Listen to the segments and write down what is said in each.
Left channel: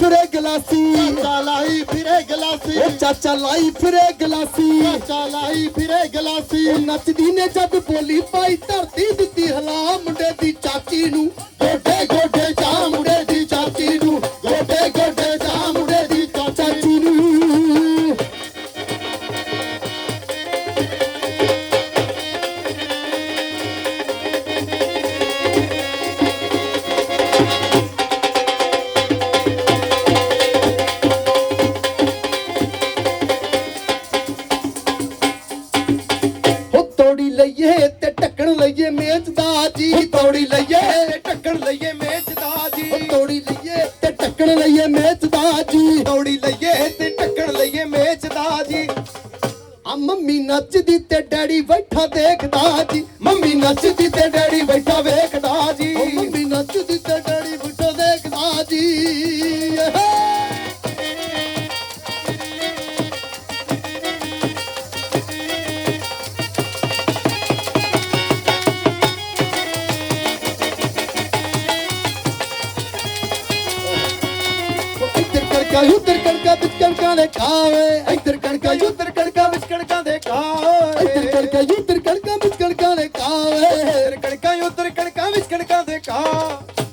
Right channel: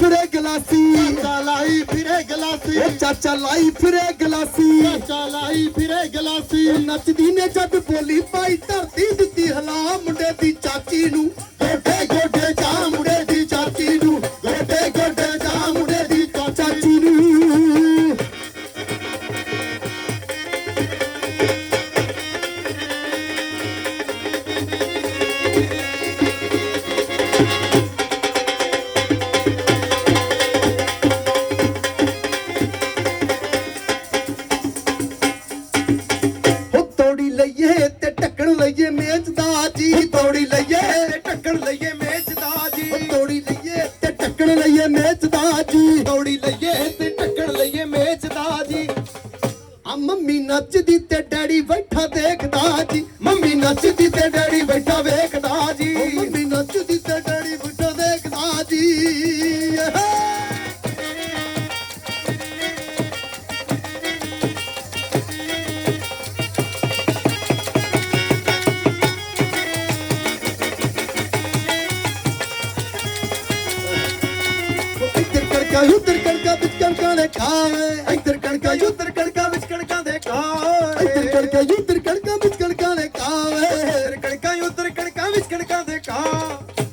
ਫਿਰੇ ਗਲਾਸੀ। ਚਾਚਾ ਲਾਈ ਫਿਰੇ ਗਲਾਸੀ। ਉਹ ਚਾਚਾ ਲਾਈ ਫਿਰੇ ਗਲਾਸੀ। ਚਾਚਾ ਲਾਈ ਫਿਰੇ ਗਲਾਸੀ। ਉਹ ਨੱਚਦੀ ਨੇ ਜਦ ਬੋਲੀ ਪਾਈ ਧਰਤੀ ਦਿੱਤੀ ਹਲਾ ਮੁੰਡੇ ਦੀ ਚਾਚੀ ਨੂੰ। ਗੋਡੇ ਗੋਡੇ ਜਾ ਮੁੰਡੇ ਦੀ ਚਾਚੀ ਨੂੰ। ਗੋਡੇ ਗੋਡੇ ਜਾ ਮੁੰਡੇ ਦੀ ਚਾਚੀ ਨੂੰ। ਜੀ ਤੋੜੀ ਲਈਏ ਟੱਕਣ ਲਈਏ ਮੇਚਦਾ ਉਹ ਜੀ ਤੋੜੀ ਲਈਏ ਤੇ ਟੱਕਣ ਲਈਏ ਮੇਚ ਦਾ ਜੀ ਦੌੜੀ ਲਈਏ ਤੇ ਟੱਕਣ ਲਈਏ ਮੇਚਦਾ ਜੀ ਆ ਮੰਮੀ ਨੱਚਦੀ ਤੇ ਡੈਡੀ ਬੈਠਾ ਦੇਖਦਾ ਜੀ। ਮੰਮੀ ਨੱਚਦੀ ਤੇ ਡੈਡੀ ਬੈਠਾ ਵੇਖ ਕਣਕਾਂ ਵਿੱਚ ਕਣਕਾਂ ਦੇ ਖਾਵੇ ਇੱਧਰ ਕਣਕਾਂ ਉੱਧਰ ਕਣਕਾਂ ਵਿੱਚ ਕਣਕਾਂ ਦੇ ਖਾਵੇ ਇੱਧਰ ਕਣਕਾਂ ਉੱਧਰ ਕਣਕਾਂ ਵਿੱਚ ਕਣਕਾਂ ਦੇ ਖਾਵੇ ਇੱਧਰ ਕਣਕਾਂ ਉੱਧਰ ਕਣਕਾਂ ਵਿੱਚ ਕਣਕਾਂ ਦੇ ਕਾ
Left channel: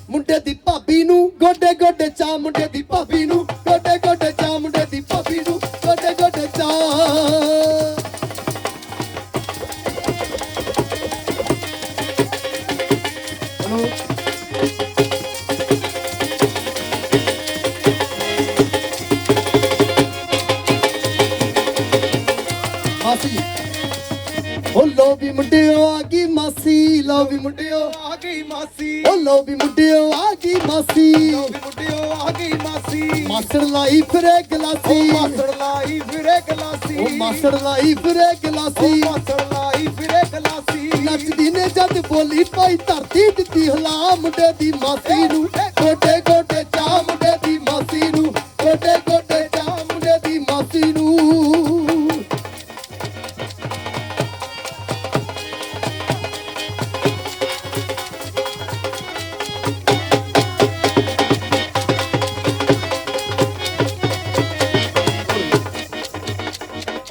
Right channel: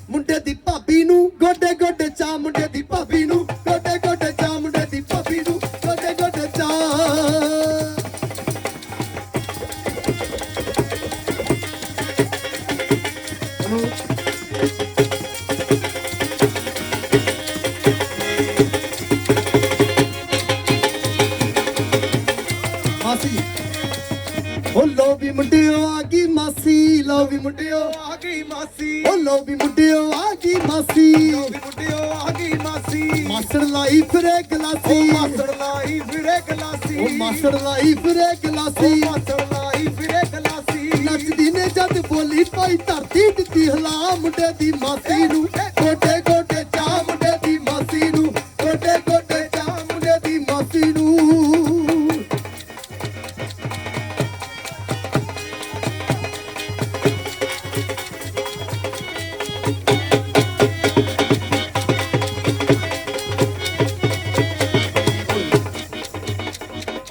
ਮੁੰਡੇ ਦੀ ਭਾਬੀ ਨੂੰ ਗੋਡੇ ਗੋਡੇ ਚਾ ਮੁੰਡੇ ਦੀ ਭਾਬੀ ਨੂੰ ਗੋਡੇ ਗੋਡੇ ਚਾ ਮੁੰਡੇ ਦੀ ਭਾਬੀ ਨੂੰ ਗੋਡੇ ਗੋਡੇ ਚਾ ਮੁੰਡਿਓ ਆ ਗਈ ਮਾਸੀ? ਲੋ ਵੀ ਮੁੰਡਿਓ। ਆ ਗਈ ਮਾਸੀ? ਉਹ ਲੋ ਵੀ ਮੁੰਡਿਓ ਆ ਗਈ ਮਾਸੀ? ਲੋ ਵੀ ਮੁੰਡਿਓ ਆ ਗਈ ਮਾਸੀ? ਮਾਸੜ ਲਾਈ ਫਿਰੇ ਗਲਾਸੀ। ਮਾਸੜ ਲਾਈ ਫਿਰੇ ਗਲਾਸੀ। ਉਹ ਮਾਸੜ ਲਾਈ ਫਿਰੇ ਗਲਾਸੀ। ਮਾਸੜ ਲਾਈ ਫਿਰੇ ਗਲਾਸੀ। ਨੱਚਦੀ ਨੇ ਜਦ ਬੋਲੀ ਪਾਈ ਧਰਤੀ ਦਿੱਤੀ ਹਲਾ ਮੁੰਡੇ ਦੀ ਮਾਸੀ ਨੂੰ।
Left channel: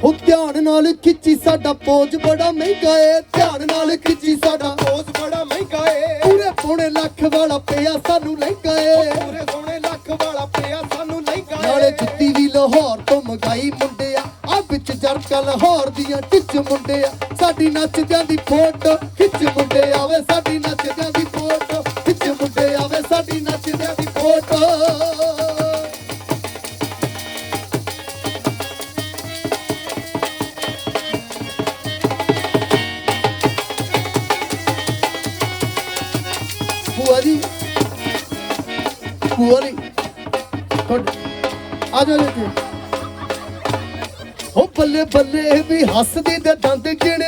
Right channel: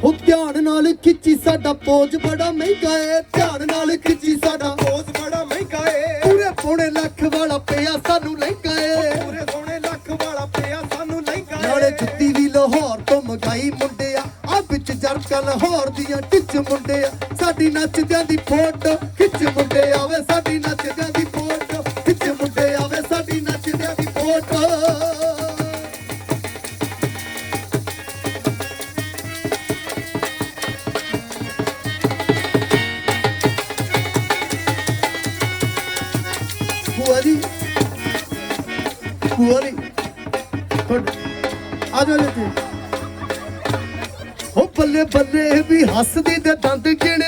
ਉਹ ਧਿਆਨ ਨਾਲ ਖਿੱਚੀ ਸਾਡਾ ਪੋਜ ਬੜਾ ਮਹਿੰਗਾ ਏ। ਧਿਆਨ ਨਾਲ ਖਿੱਚੀ ਸਾਡਾ ਰੋਜ਼ ਬੜਾ ਮਹਿੰਗਾ ਏ। ਪੂਰੇ ਪੌਣੇ ਲੱਖ ਵਾਲਾ ਪਿਆ ਸਾਨੂੰ ਲਹਿੰਗਾ ਏ। ਪੂਰੇ ਸੋਹਣੇ ਲੱਖ ਵਾਲਾ ਪਿਆ ਸਾਨੂੰ ਲਹਿੰਗਾ ਨਾਲੇ ਏ ਜੁੱਤੀ ਵੀ ਲਾਹੌਰ ਤੋਂ ਮਗਾਈ ਮੁੰਡਿਆ ਆ। ਵਿੱਚ ਜਰਕਾ ਲਾਹੌਰ ਦੀਆਂ ਟਿੱਚ ਮੁੰਡਿਆ ਸਾਡੀ ਨੱਚਦਿਆਂ ਦੀ ਫੋਟੋ ਖਿੱਚ ਭੂਆ ਜੀ ਆ ਜਾਓ ਜੀ ਹੋ ਬੱਲੇ ਬੱਲੇ ਵੀ ਹੱਸਦੀ ਤੇ ਦੇ ਦੰਦ ਗਿਣਦਾ